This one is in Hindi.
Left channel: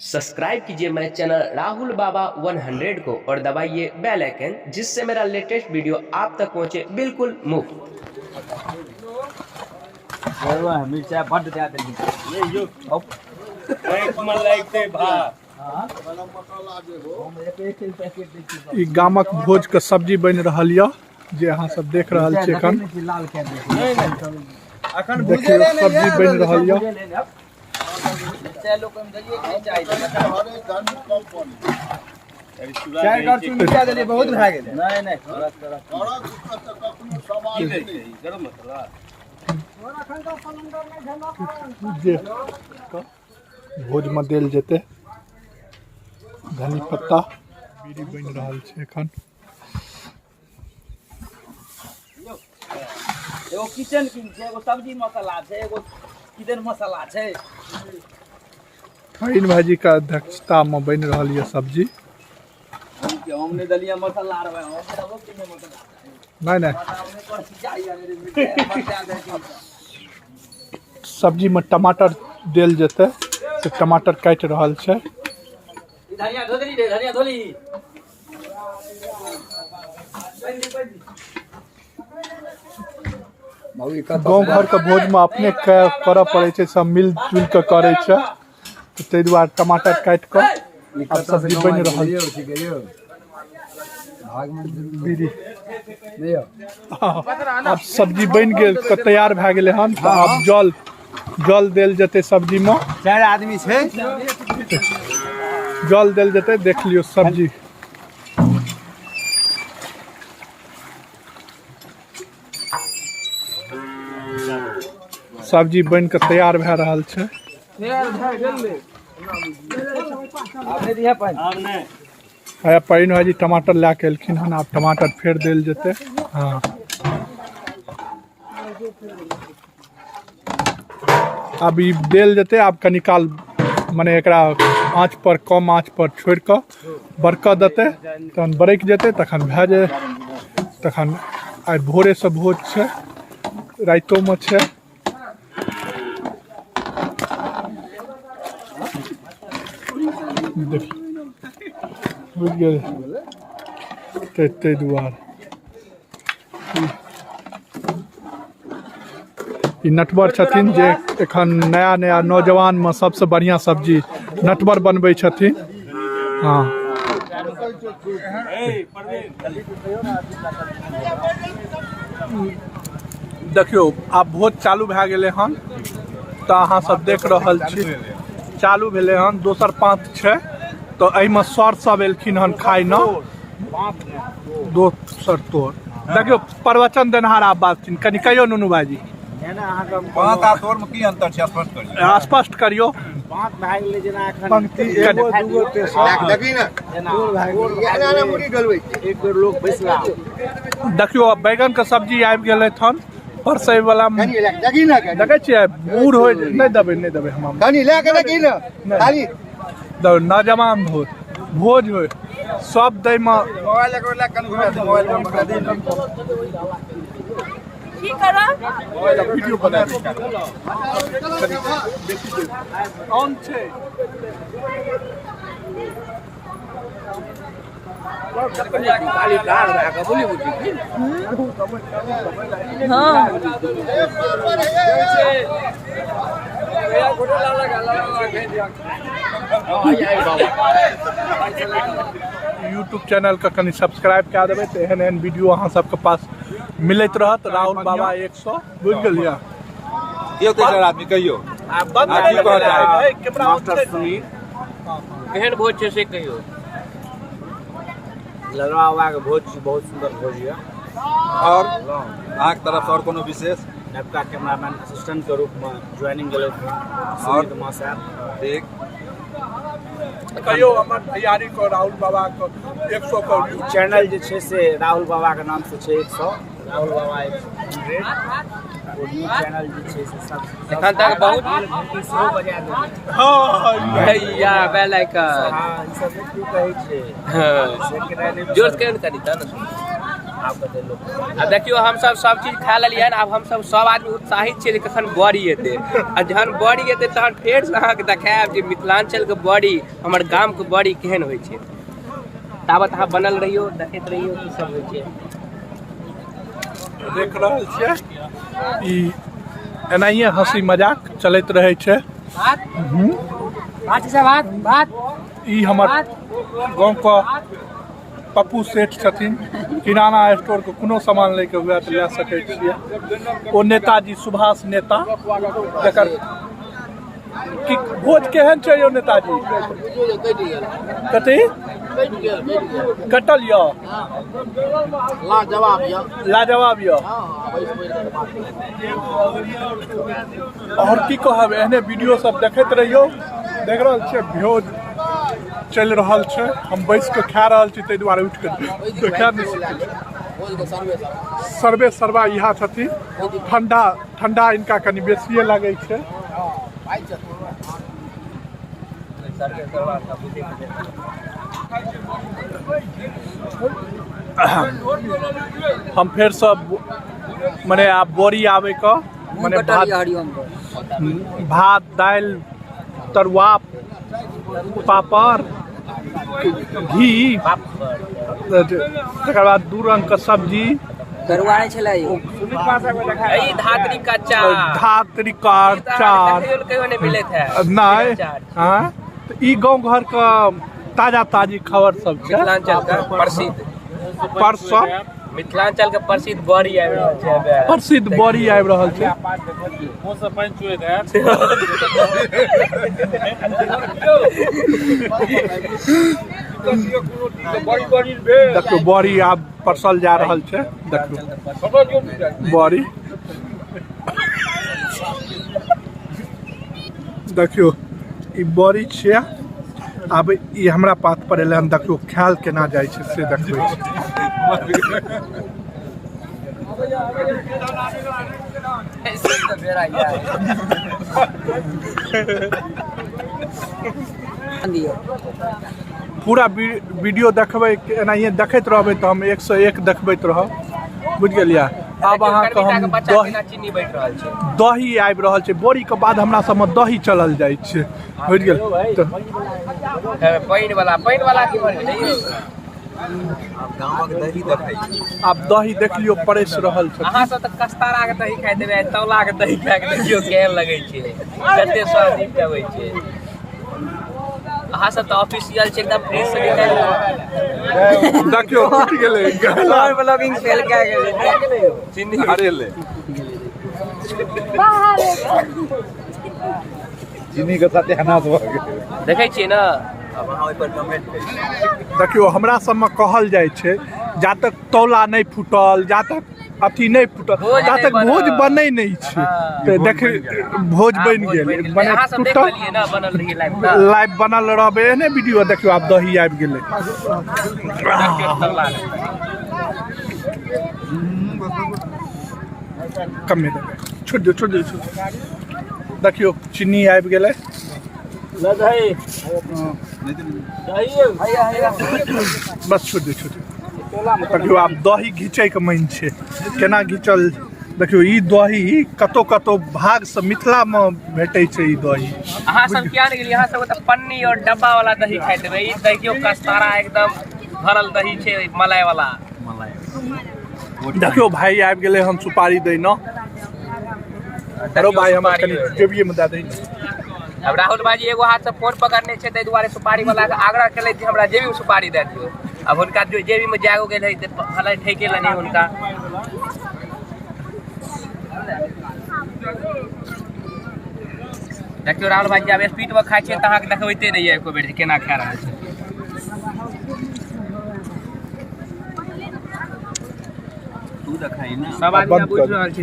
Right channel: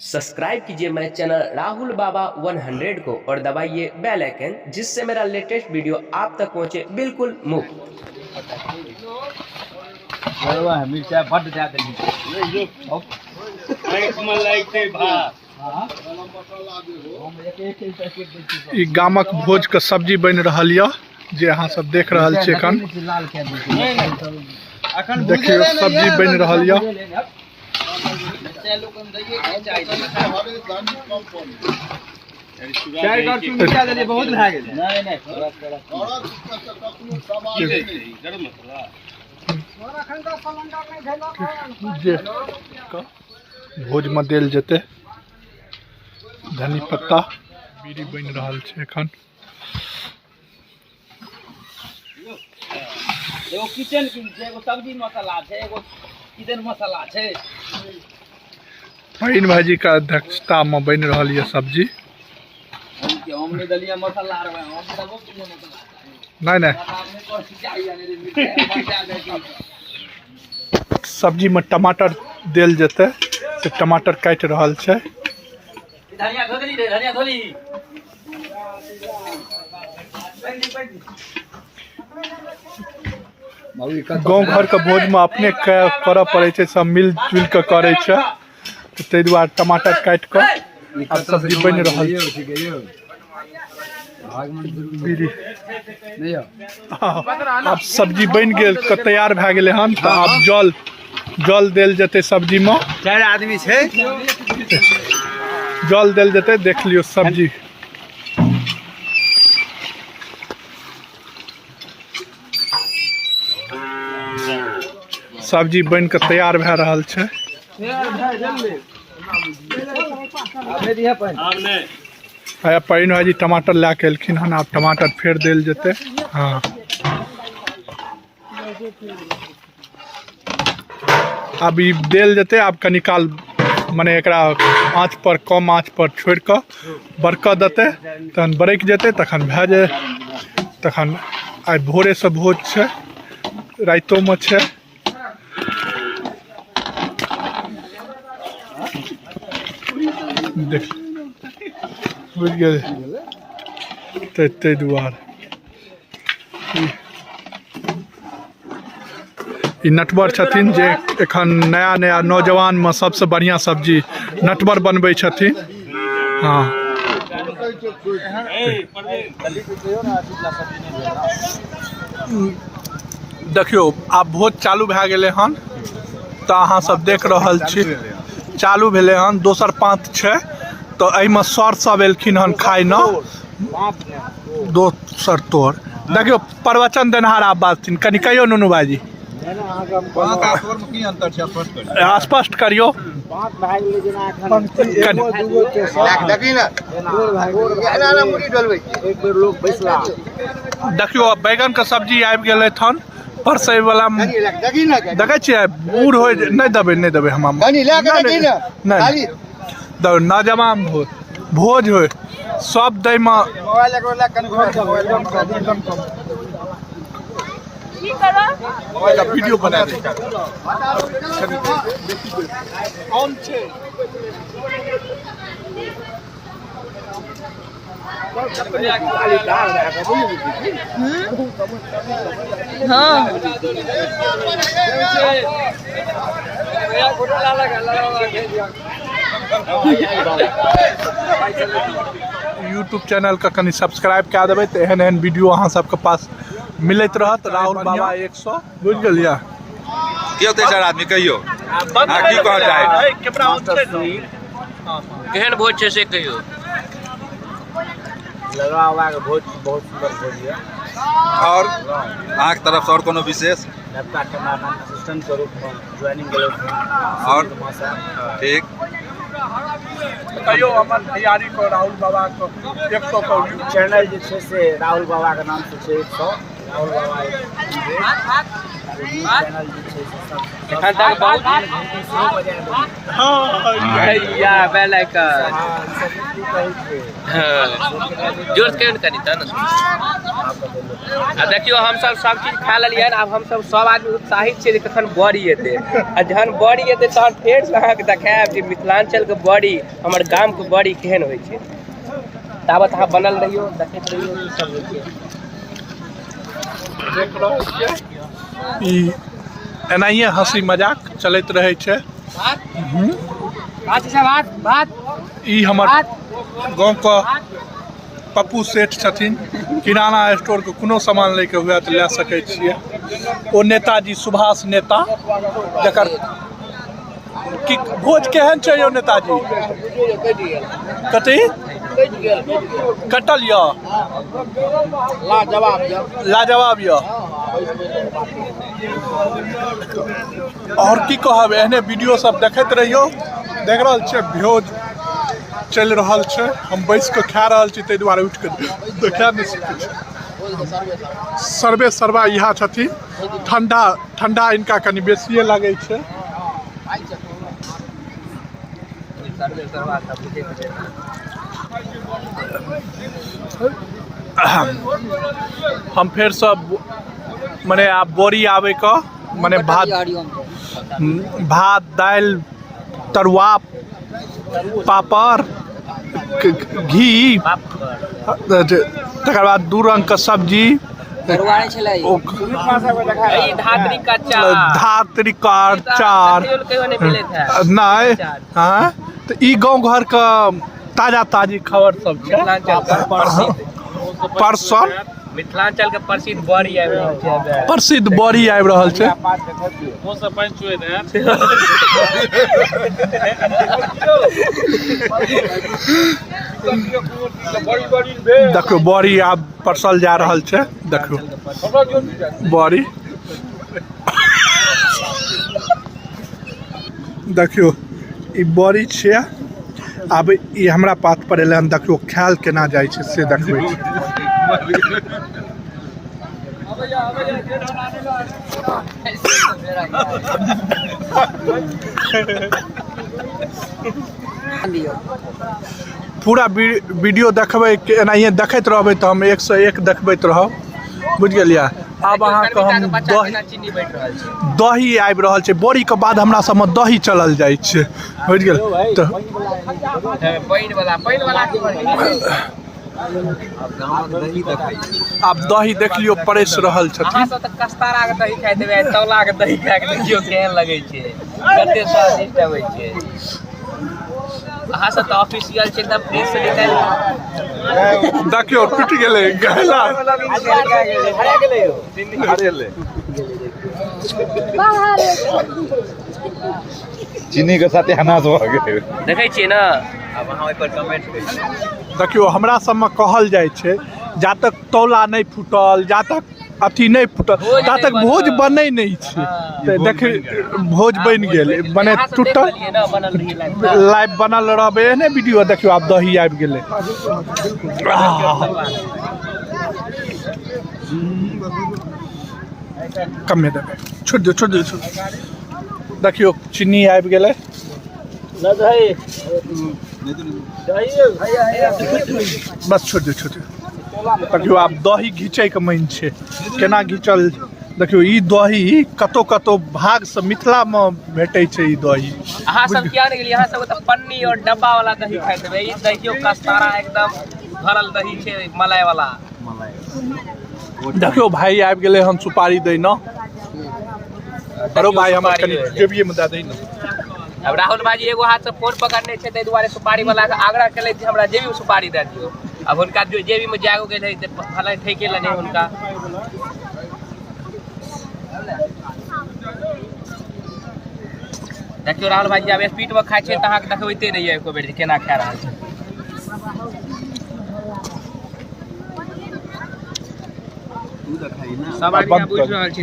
सब्सक्राइब कीजिए मेरे चैनल राहुल बाबा 100 को और दबाइए बेल आइकन, जिससे मेरा लेटेस्ट वीडियो आप तक पहुंचे बिल्कुल मुफ्त। गामक भोज के सब्जी बन रहा है जे अहाँ सब देख रहा छे। देखियो सब्जी बन रहा है। भोज में देल जेते धनी पत्ता बीड़ी बन रहा है। एखन एगो किचन किंग छै, एगो सब्जी मसाला छै, एगो किचन मसाला छै। फहीन भाजी का अध्यक्षता में बन रहा है सब्जी। हम ने दलिया मसाला रे, हम देबो कि मसाला नहीं सब्जी में टमाटर देल जेते से टमाटर काट रहा है। धनिया धोली रे, धनिया धोली। गाँव घर के भोज में अपने कर पड़े छे, सब मिल जुल के करे छे, तो ते दुआरे टमाटर काट के अब सब्जी बन रहा है। अब सब्जी बन गेल के तैयार भए गेले हन, तो अब जल देल जते सब्जी में। 4 आदमी छै, जल देल जते। देख लियो सब्जी सब्जी बन के तैयार भए रहा है। पाइन भाजी टमाटर ला के एलखिन हन, आब टमाटर फेर देल जेते। हाँ अब ई देल जेते। आब कनी काल माने एकरा आँच पर, कम आँच पर छोड़ के बरक देते, तहन बरक जेते, तखन भए जाए। तखन आइ भोरे से भोज छै, राइतो में छै। देख बुझ गए ते दुआरे ई नटवर छथिन जे एखन नया नौजवान में सबसे बढ़िया सब्जी नटवर बनबै छथिन। हाँ देखियो आब भोज चालू भए गेलै हन, तो अहाँ सब देख रहल छी चालू भेले हन। दोसर पाँत छै, तो एहिमे सर सब एलखिन हन खाय न। दोसर तोर देखियो प्रवचन देनहार आब बात कनि कहियो नुनू भाजी। स्पष्ट करियो। देखियो बैगन के सब्जी आबि गेलै हन। परसै वाला देखे छियै बूढ़ हो नहीं देबे हम नौजवान हो भोज हो सब दै में वीडियो बना यूट्यूब चैनल का कनी सब्सक्राइब कए देबै, तो एहन एहन वीडियो अहाँ सबके पास मिलत रहत। राहुल बाबा 100 बुझ गेलियै। आदमी कहियो केहन भोज छै से कहियो। लगा हुआ के भोज बहुत सुंदर भोज है। और अहाँ के तरफ से और कोनो विशेष नवका कैमरामैन असिस्टेंट के रूप में ज्वाइनिंग गेल और ठीक कहियो अपन तैयारी को राहुल बाबा को 100 का चैनल जे छै से राहुल बाबा के नाम से छै 100 राहुल बाबा 100। चैनल जे छै से सब एखन तक बहुत घंटी सेहो बजा देलियै या बेल आइकन हाँ ई सब की कहै छै जोर के कनी त आपके देलो अब देखियो हम सब चीज खा लेलियै अब हम सब आदमी उत्साहित छियै कखन बड़ी एतै आ जहन बड़ी एतै तहन फेर से अहाँके देखायब जे मिथिलांचल के बड़ी हमर गाम के बड़ी केहन होइ छै ताबत अहाँ बनल रहियो देखैत रहियो की सब होइ छै देख रहल छियै ई एनाहिए हंसी मजाक चलैत रहै छै बात ई हमर गाँव के पप्पू सेठ छथिन किराना स्टोर के कोनो सामान लैके हुए तऽ लए सकै छियै ओ नेताजी सुभाष नेता जकर कि भोज केहन छै यौ नेताजी कथी कटल यऽ लाजवाब यऽ और की कहब एहने वीडियो सब देखैत रहियो देख रहल छियै भोज चलि रहल छै हम बैस कऽ खा रहल छी ताहि दुआरे उठि कऽ खा नहि सकै छी सर्वे सर्वा इएह छथिन ठंडा इनका कनि बेसिए लागै छै हम फेर सब मने आब बोरी आबे का मने भात दालि तरुआ पापड़ घी तकर बाद 2 रंग के सब्जी धात्री का अचार नहीं हाँ तो ई गाँव घर का ताजी खबर सब छै मिथिलांचल का प्रसिद्ध परसों मिथिलांचल के प्रसिद्ध बड़ी आबि रहल छै प्रसिद्ध बड़ी आबि रहल छै देखियो बड़ी आब परसल जा रहल छै देखियो बड़ी देखियो ई बड़ी छै आब ई हमरा पात पर एलै हन देखियो खायल केना जाइ छै से देखबै पूरा वीडियो देखबै एनाहिए देखैत रहबै तऽ हम 101 देखबैत रहब बुझ गेलियै आब अहाँके हम दही आबि रहल छै बोरी के बाद हमरा सबमे दही चलल जाइ छै बुझ गेल तऽ आब दही देख लियो परस रहल छथिन अहाँ सब त कस्तारा के दही खाइ देबै तौला के दही खा के देखियो केहन लगै छै कते स्वादिष्ट होइ छै अहाँ सब त ऑफिशियल छै एकदम फ्रेश से निकाल देखियो टूट गेलै गहला अरे ले चीनी के साथे हनास भ गेल देखै छियै ना अब अहाँ ओइ पर कमेंट करियौ देखियो हमरा सबमे कहल जाइ छै जा तक तौला नहि फूटल जा तक अथी नहीं फूटल ता तक भोज बनै नहीं छै तऽ देख भोज बन गेल बने टूटल लाइव बनल रहबे एहने वीडियो देखियो आब दही आबि गेलै कमे दे छोड़ दे देखियो चीनी आबि गेलै बस छोड़ दे देखियो आब दही घीचै के मन छै केना घीचल देखियो ई दही कतो भाग से मिथिला में भेटै छै ई दही अहाँ सब किया नहीं गेलिए अहाँ सब त पन्नी और डब्बा वाला दही खाइ देबै ई देखियो कस्तारा एकदम भरल दही छै मलाई वाला देखियो भाई आबि गेलै हम सुपारी दै न अरो भाई हमर कनी जेबिए में दे दै न अब राहुल भाई एगो हाथ से फोन पकड़ने छै ताहि दुआरे सुपारी वाला के आग्रह केले जे हमरा जेबी में सुपारी दे दियो अब हुनका जो जेबी में जागो गेल है भले ठेके लने हुनका देखियो राहुल भाई अब स्पीड में खाइ छै त अहाँ के देखबैते रहिए एको बेर केना खा रहल छै सब आदमी बुझ रहल छै